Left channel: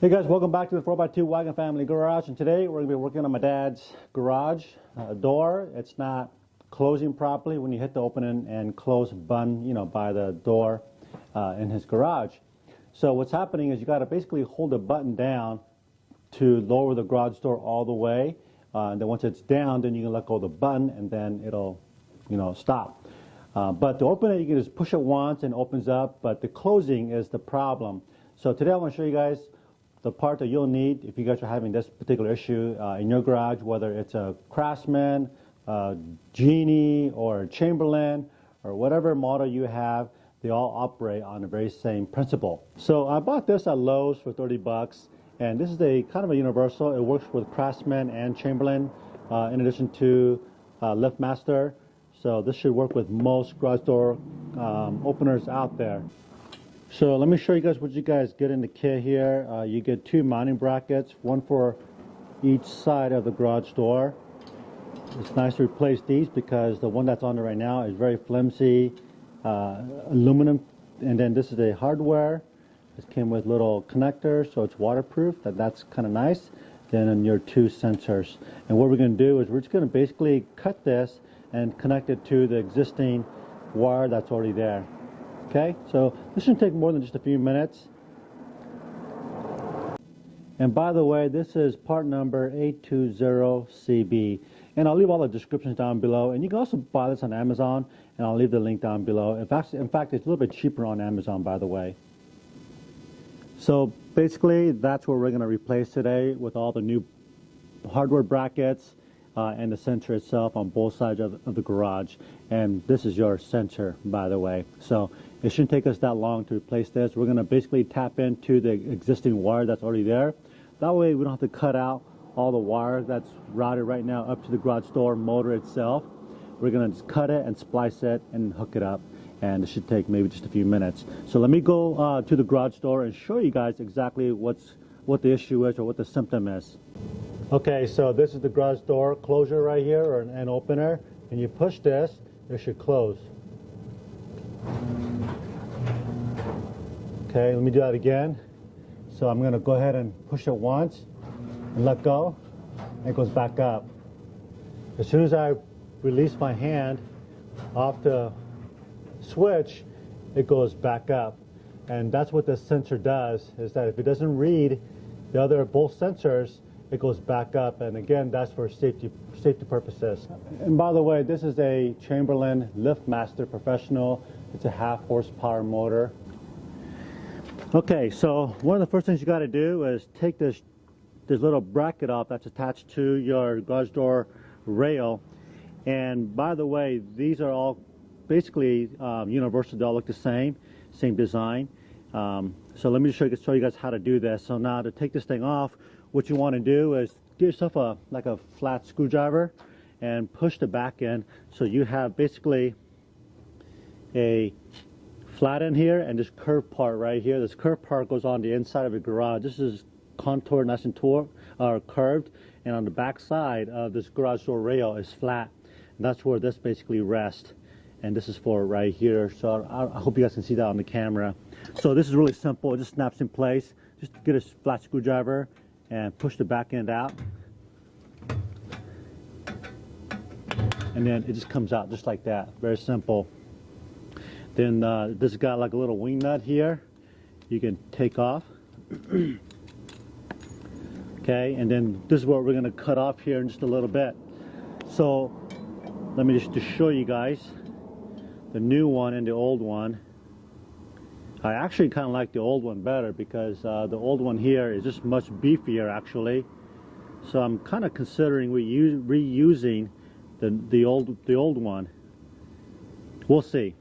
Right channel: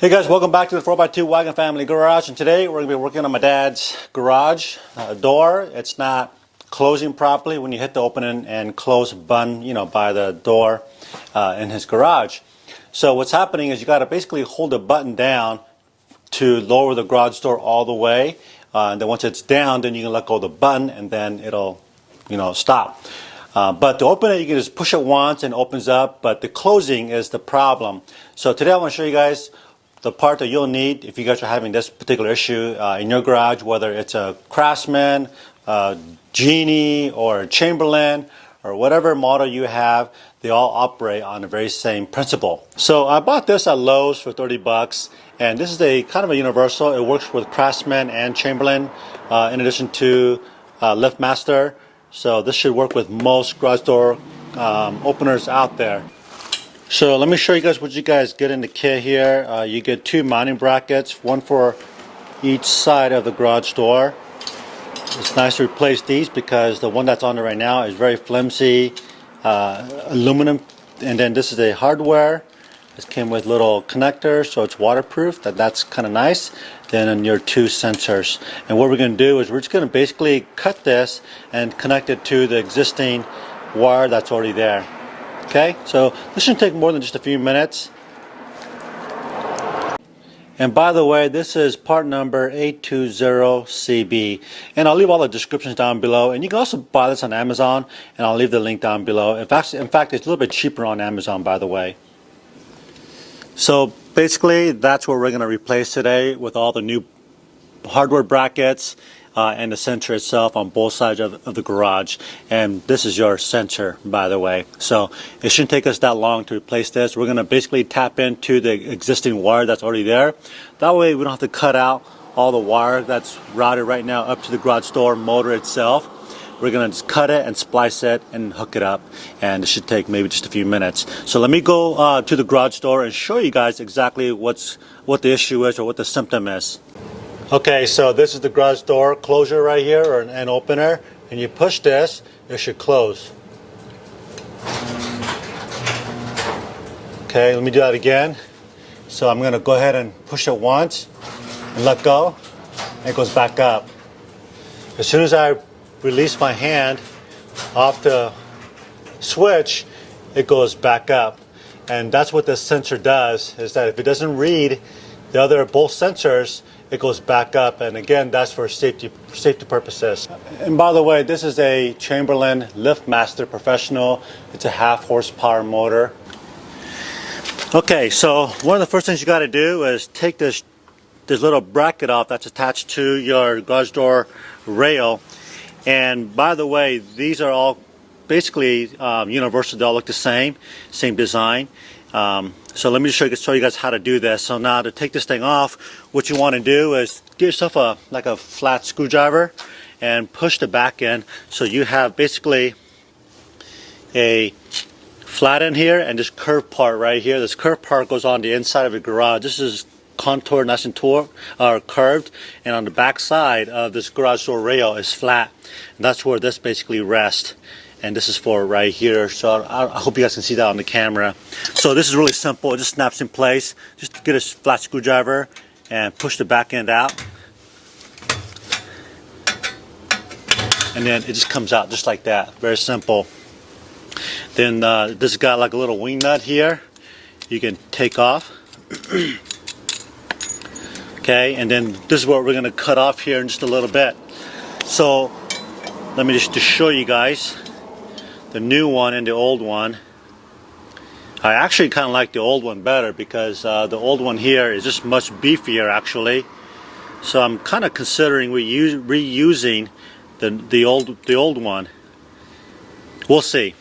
Hey guys, welcome back to the 4x2 Wagon Family Garage, and today we're going to be working on my dad's garage door. It's not closing properly when you hit the open and close button, by the door in his garage. So what's happening is you got to basically hold the button down to lower the garage door all the way, and then once it's down, then you can let go of the button and then it'll, stop. But to open it, you can just push it once and it opens up, but the closing is the problem. So today I want to show you guys the part that you'll need if you guys are having this particular issue in your garage, whether it's a Craftsman, Genie, or Chamberlain, or whatever model you have. They all operate on the very same principle. So I bought this at Lowe's for 30 bucks, and this is a kind of a universal. It works with Craftsman and Chamberlain in addition to Liftmaster. So this should work with most garage door openers out there. So let me show you guys what you guys get in the kit here. You get two mounting brackets, one for each side of the garage door. It's nice to replace these because the one that's on there right now is very flimsy aluminum, and then this is a hardware. It came with little connectors, so it's waterproof. That's kind of nice. Then your two sensors. And what we're going to do is we're just going to basically cut this and connect it to the existing wire that's already there. Okay, so this shouldn't take more than just a few minutes. And by the way, this is part number 820CB. And I'll leave all the descriptions down below. And you can also buy this on Amazon, and I'll leave the link down below. In fact, it's a little bit cheaper on Amazon, by the way. So basically, that's what we're going to replace today with all the new hardware brackets and the sensor itself on both sides of the garage. And this is your sensor, by the way. So it shouldn't take us that long to replace this. We're going to basically tap into the existing wire that's already there. That way we don't have to cut out all the wire that's routed right now up to the garage door motor itself. We're going to just cut it and splice it and hook it up, and it should take maybe just a few minutes. So let me go to the garage door and show you guys exactly what the issue is or what the symptom is. Okay, so this is the garage door closure right here, or an opener, and you push this, it should close. Okay, let me do that again. So I'm going to go ahead and push it once and let go, and it goes back up. As soon as I release my hand off the switch, it goes back up. And that's what this sensor does, is that if it doesn't read the other both sensors, it goes back up. And again, that's for safety purposes. And by the way, this is a Chamberlain Liftmaster Professional. It's a 1/2 horsepower motor. Okay, so one of the first things you got to do is take this little bracket off that's attached to your garage door rail. And by the way, these are all basically universal. They all look the same design. So let me just show you guys how to do this. So now to take this thing off, what you want to do is get yourself a flat screwdriver and push the back end. So you have basically a flat end here and this curved part right here. This curved part goes on the inside of the garage. This is contoured, nice and curved, and on the back side of this garage door rail is flat. And that's where this basically rests. And this is for right here. So I hope you guys can see that on the camera. So this is really simple. It just snaps in place. Just get a flat screwdriver and push the back end out. And then it just comes out just like that. Very simple. Then this has got like a little wing nut here. You can take off. Okay, and then this is what we're going to cut off here in just a little bit. So let me just show you guys the new one and the old one. I actually kind of like the old one better because the old one here is just much beefier actually. So I'm kind of considering reusing the old one. We'll see.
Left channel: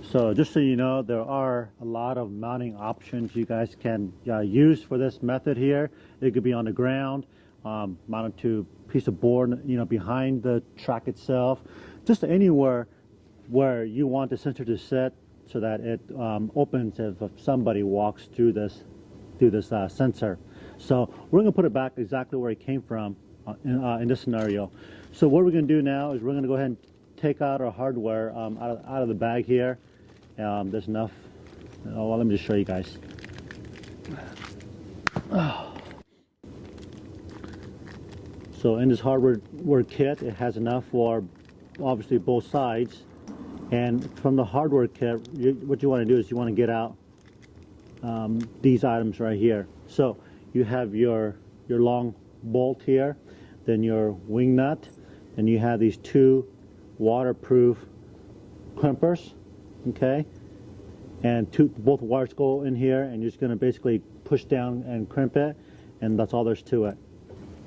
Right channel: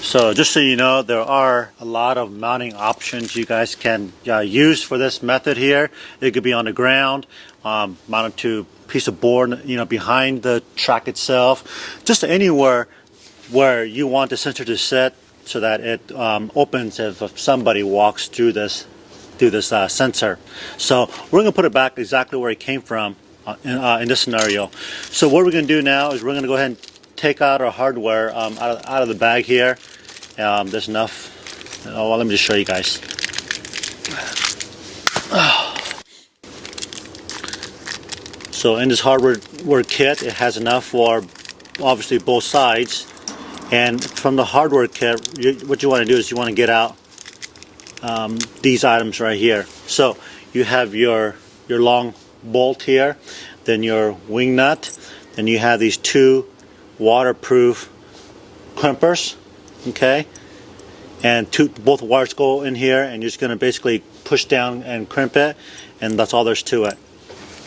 So just so you know, there are a lot of mounting options you guys can use for this method here. It could be on the ground, mounted to a piece of board, behind the track itself, just anywhere where you want the sensor to sit so that it opens if somebody walks through this sensor. So we're going to put it back exactly where it came from in this scenario. So what we're going to do now is we're going to go ahead and take out our hardware out of the bag here. There's enough. Oh, well, let me just show you guys. So in this hardware kit, it has enough for obviously both sides. And from the hardware kit, what you want to do is you want to get out these items right here. So you have your long bolt here, then your wing nut, then you have these two waterproof crimpers, okay? And both wires go in here, and you're just going to basically push down and crimp it, and that's all there's to it.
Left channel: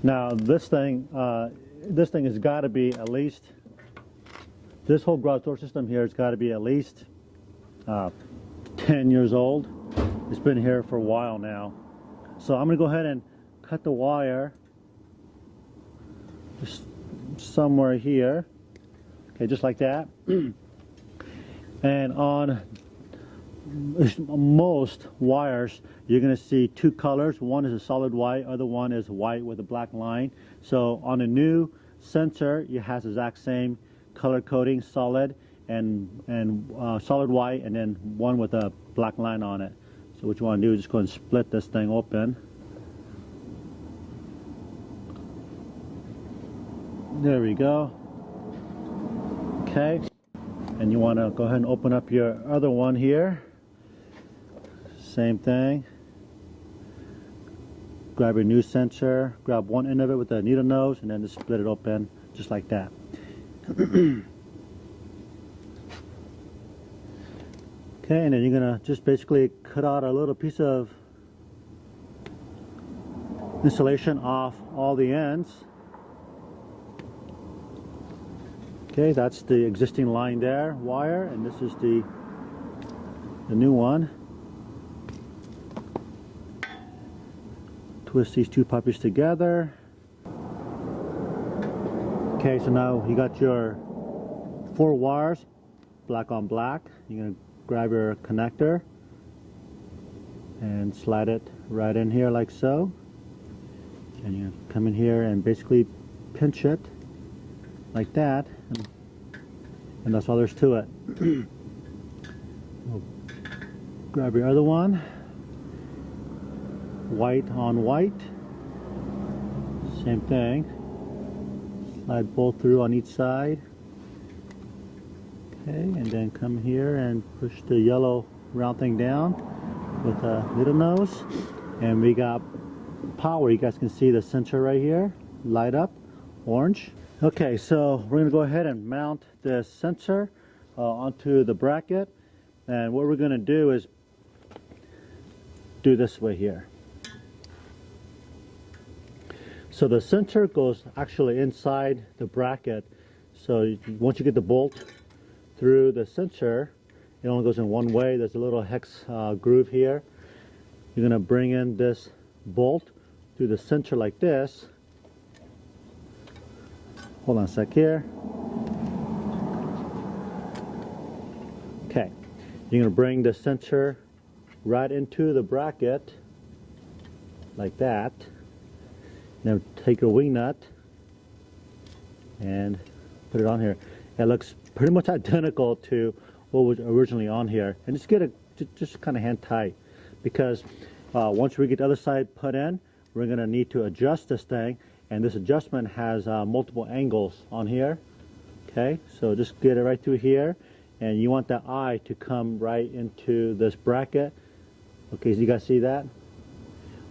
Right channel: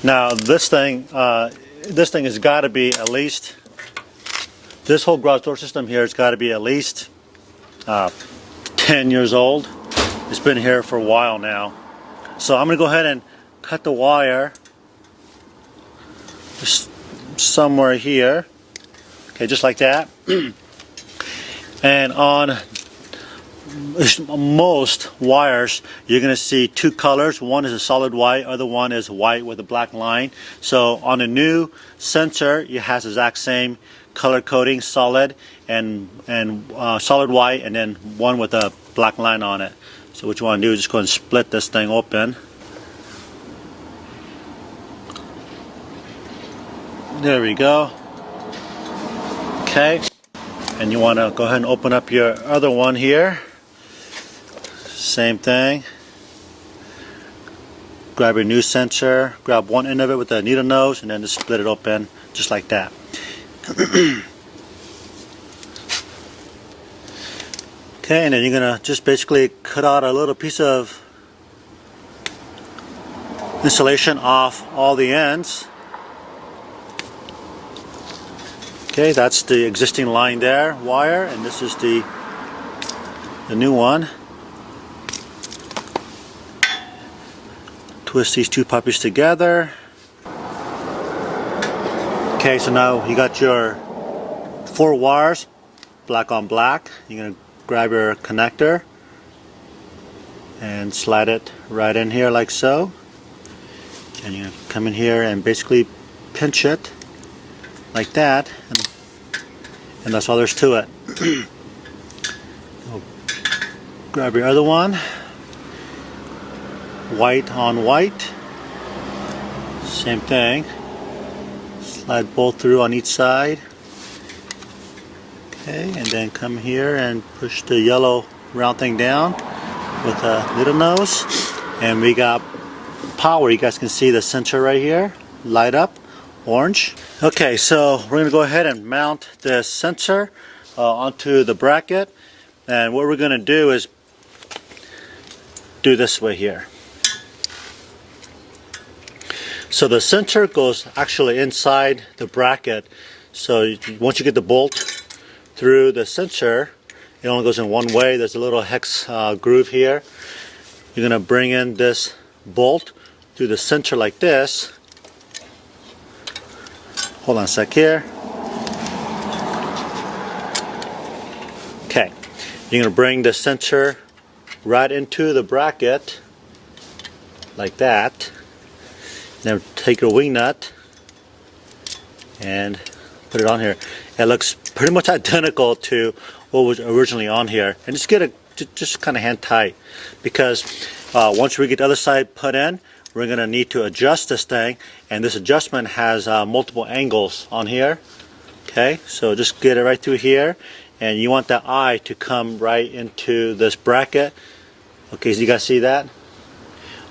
Now this thing has got to be at least, this whole garage door system here has got to be at least 10 years old. It's been here for a while now. So I'm going to go ahead and cut the wire just somewhere here. Okay, just like that. And on most wires, you're going to see two colors. One is a solid white, other one is white with a black line. So on a new sensor, it has the exact same color coding, solid and solid white, and then one with a black line on it. So what you want to do is just go and split this thing open. There we go. Okay, and you want to go ahead and open up your other one here. Same thing. Grab your new sensor, grab one end of it with the needle nose, and then just split it open just like that. Okay, and then you're gonna just basically cut out a little piece of insulation off all the ends. Okay, that's the existing line there, wire, and this is the new one. Twist these two puppies together. Okay, so now you got your 4 wires, black on black. You're gonna grab your connector and slide it right in here like so. And you're gonna come in here and basically pinch it like that, and that's all there's to it. Grab your other one, white on white, same thing, slide both through on each side. Okay, and then come here and push the yellow round thing down with a needle nose, and we got power. You guys can see the sensor right here light up orange. Okay, so we're going to go ahead and mount the sensor onto the bracket, and what we're going to do is do this way here. So the sensor goes actually inside the bracket, so once you get the bolt through the sensor, it only goes in one way. There's a little hex groove here. You're going to bring in this bolt through the sensor like this. Hold on a sec here. Okay, you're going to bring the sensor right into the bracket like that. Then take your wing nut and put it on here. It looks pretty much identical to what was originally on here, and just get it just kind of hand tight, because once we get the other side put in, we're going to need to adjust this thing, and this adjustment has multiple angles on here. Okay, so just get it right through here, and you want that eye to come right into this bracket. Okay, so you guys see that?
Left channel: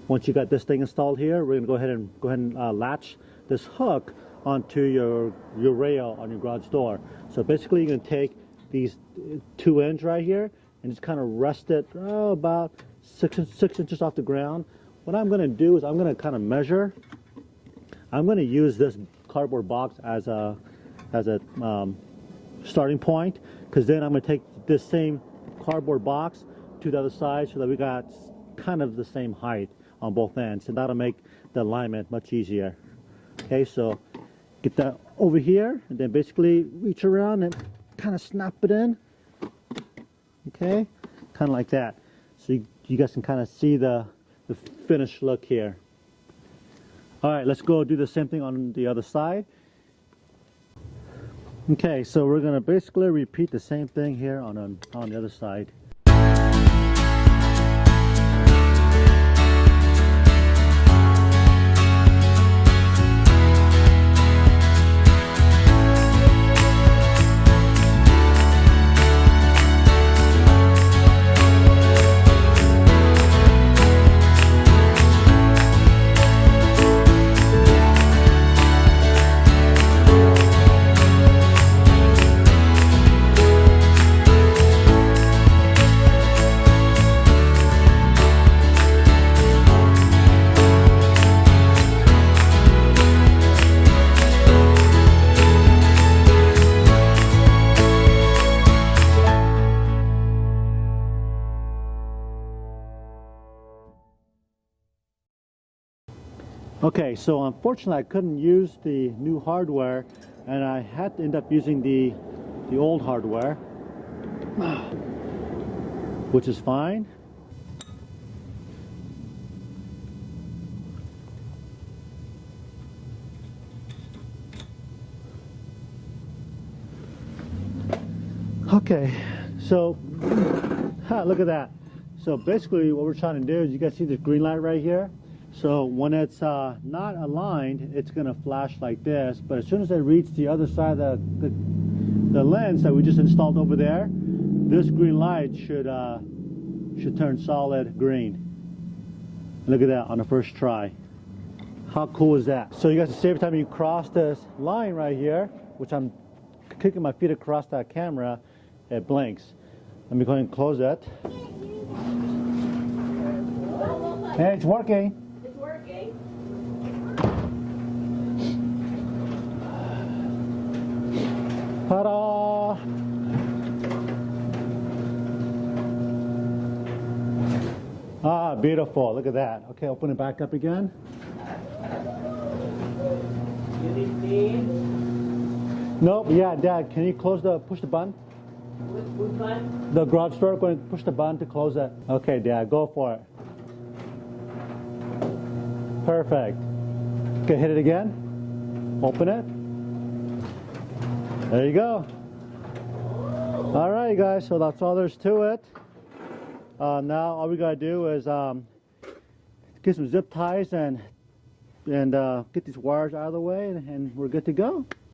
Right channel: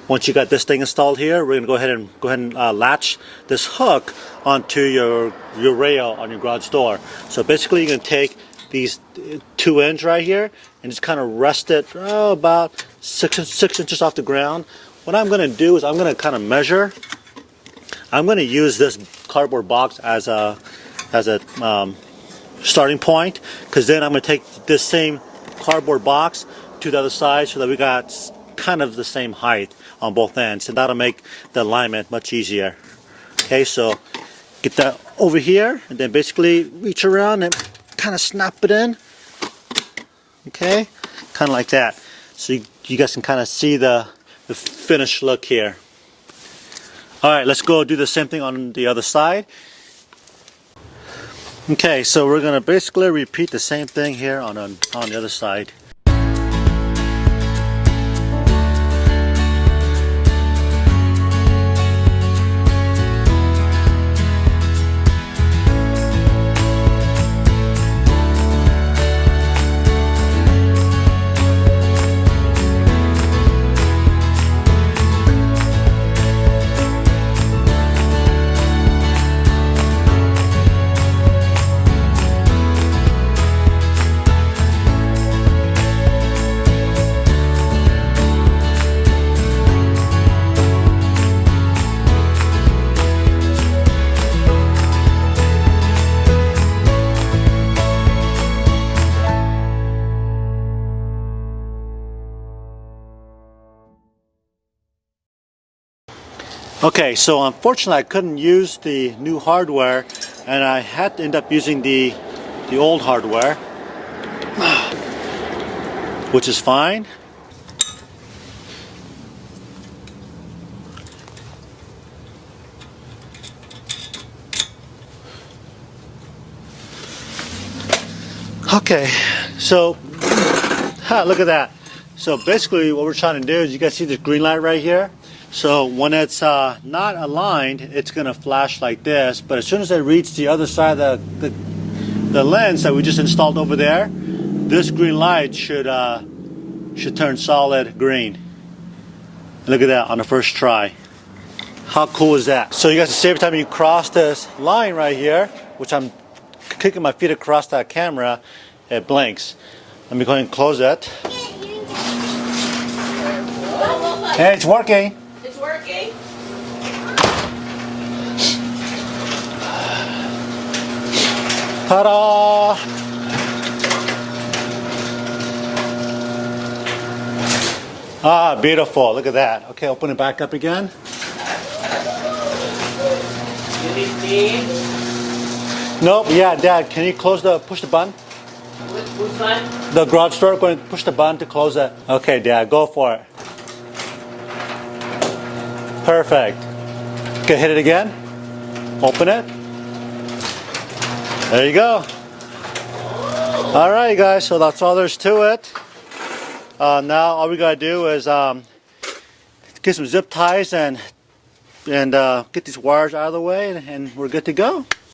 Once you got this thing installed here, we're going to go ahead and latch this hook onto your rail on your garage door. So basically you're going to take these 2 ends right here and just kind of rest it about 6 inches off the ground. What I'm going to do is I'm going to kind of measure. I'm going to use this cardboard box as a starting point, because then I'm going to take this same cardboard box to the other side so that we got kind of the same height on both ends, and that'll make the alignment much easier. Okay, so get that over here, and then basically reach around and kind of snap it in. Okay, kind of like that. So you guys can kind of see the finished look here. All right, let's go do the same thing on the other side. Okay, so we're gonna basically repeat the same thing here on the other side. Okay, so unfortunately I couldn't use the new hardware and I had to end up using the old hardware, which is fine. Okay, so look at that. So basically what we're trying to do is, you guys see this green light right here? So when it's not aligned, it's going to flash like this, but as soon as it reaches the other side of the lens that we just installed over there, this green light should turn solid green. Look at that on the first try. How cool is that? So you guys can see every time you cross this line right here, which I'm kicking my feet across that camera, it blinks. Let me go ahead and close it. Hey, it's working. It's working. Ta-da! Ah, beautiful. Look at that. Okay, open it back up again. You need me? Nope. Yeah, Dad, can you push the button? Which one? The garage door, going to push the button to close it. Okay, Dad, go for it. Perfect. Okay, hit it again. Open it. There you go. All right, guys, so that's all there's to it. Now all we gotta do is get some zip ties and get these wires out of the way, and we're good to go.